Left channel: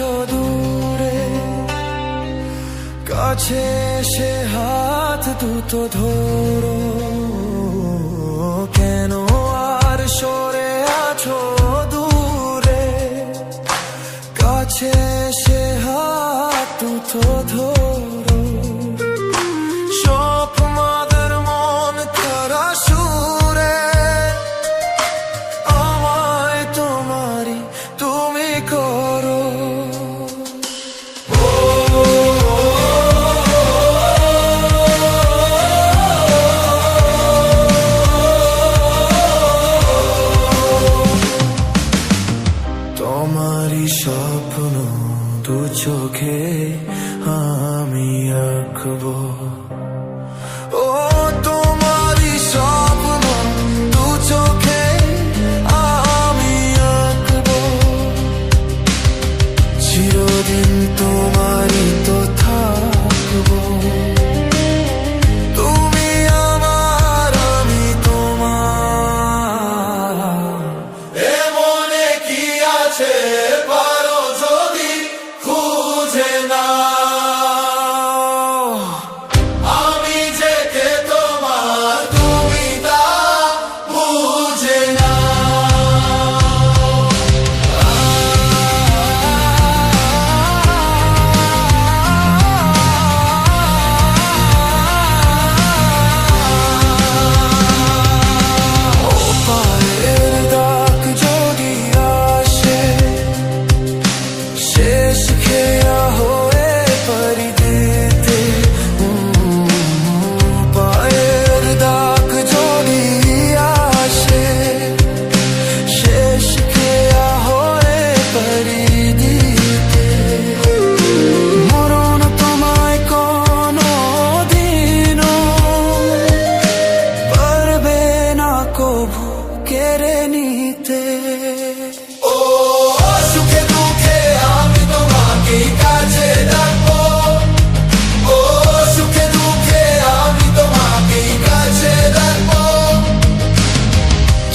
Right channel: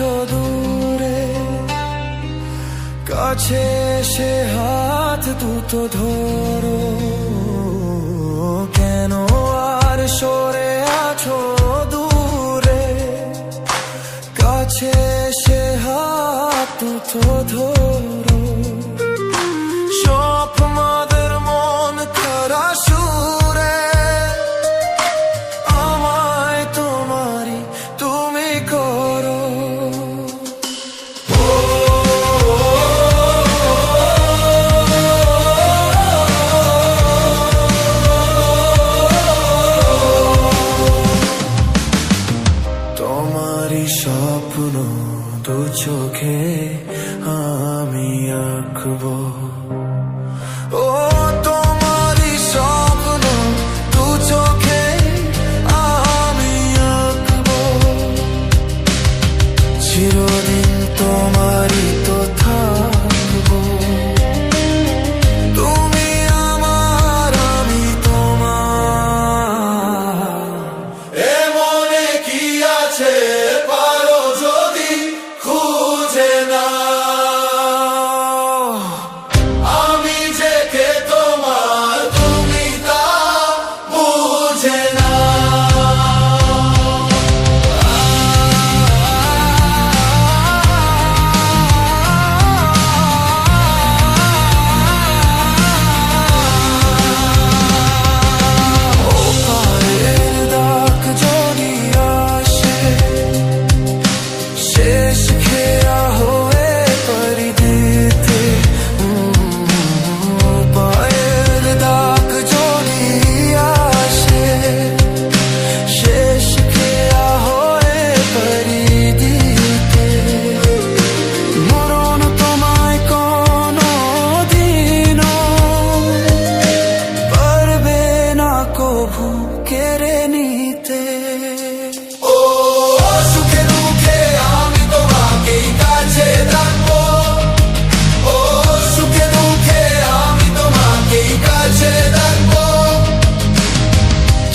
আছো দূরে, কাছে এসে হাত দুটো ধরো। কেন আর সরে আছো দূরে, কাছে এসে হাত দুটো ধরো। সব মাদের মন খারা সুরে, আমায় তোমারই তুমি করো। তোমারই স্বপ্ন দু চোখে আমি আঁকবো। ও তোমারই স্বপ্ন দু চোখে আমি আঁকবো। চিরদিন তোমারই তো থাকবো। তুমি আমার, আমি তোমার। এ মনে কি আছে পারো যদি খুঁজে নাও। আমি যে কে তোমার তুমি তা বুঝে নাও। ও পায়ের দাগ যদি আসে, শেষ খেয়া হয়ে পরিদিতে। পায়ের দাগ যদি আসে, শেষ খেয়া হয়ে পরিদিতে। মরণ তোমায় কোনো দিনও পারবে না কভু কেড়ে নিতে। ও সুখে দুঃখে আমি তোমাকে কাছে রাখবো। ও সুখে দুঃখে আমি তোমাকে কাছে রাখবো।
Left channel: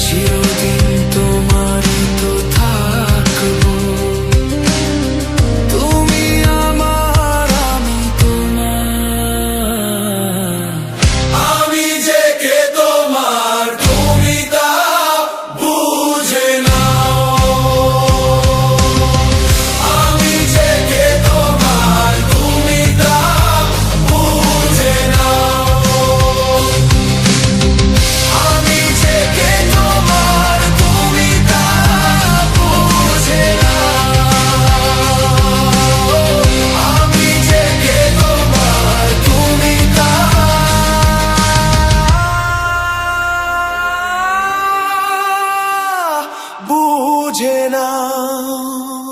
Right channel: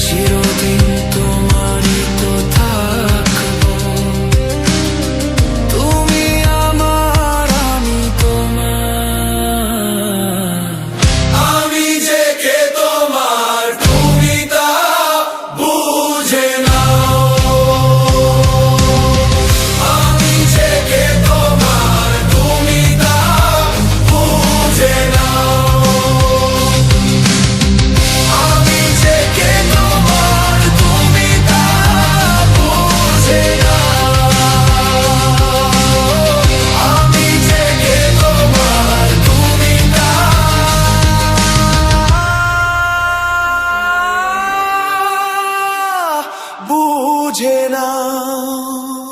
চিরদিন তোমারই তো থাকবো। তুমি আমার, আমি তোমার। আমি যে কে তোমার তুমি তা বুঝে নাও। আমি যে কে তোমার তুমি তা বুঝে নাও। আমি যে কে তোমার তুমি তা বুঝে নাও। আমি যে কে তোমার তুমি তা বুঝে নাও।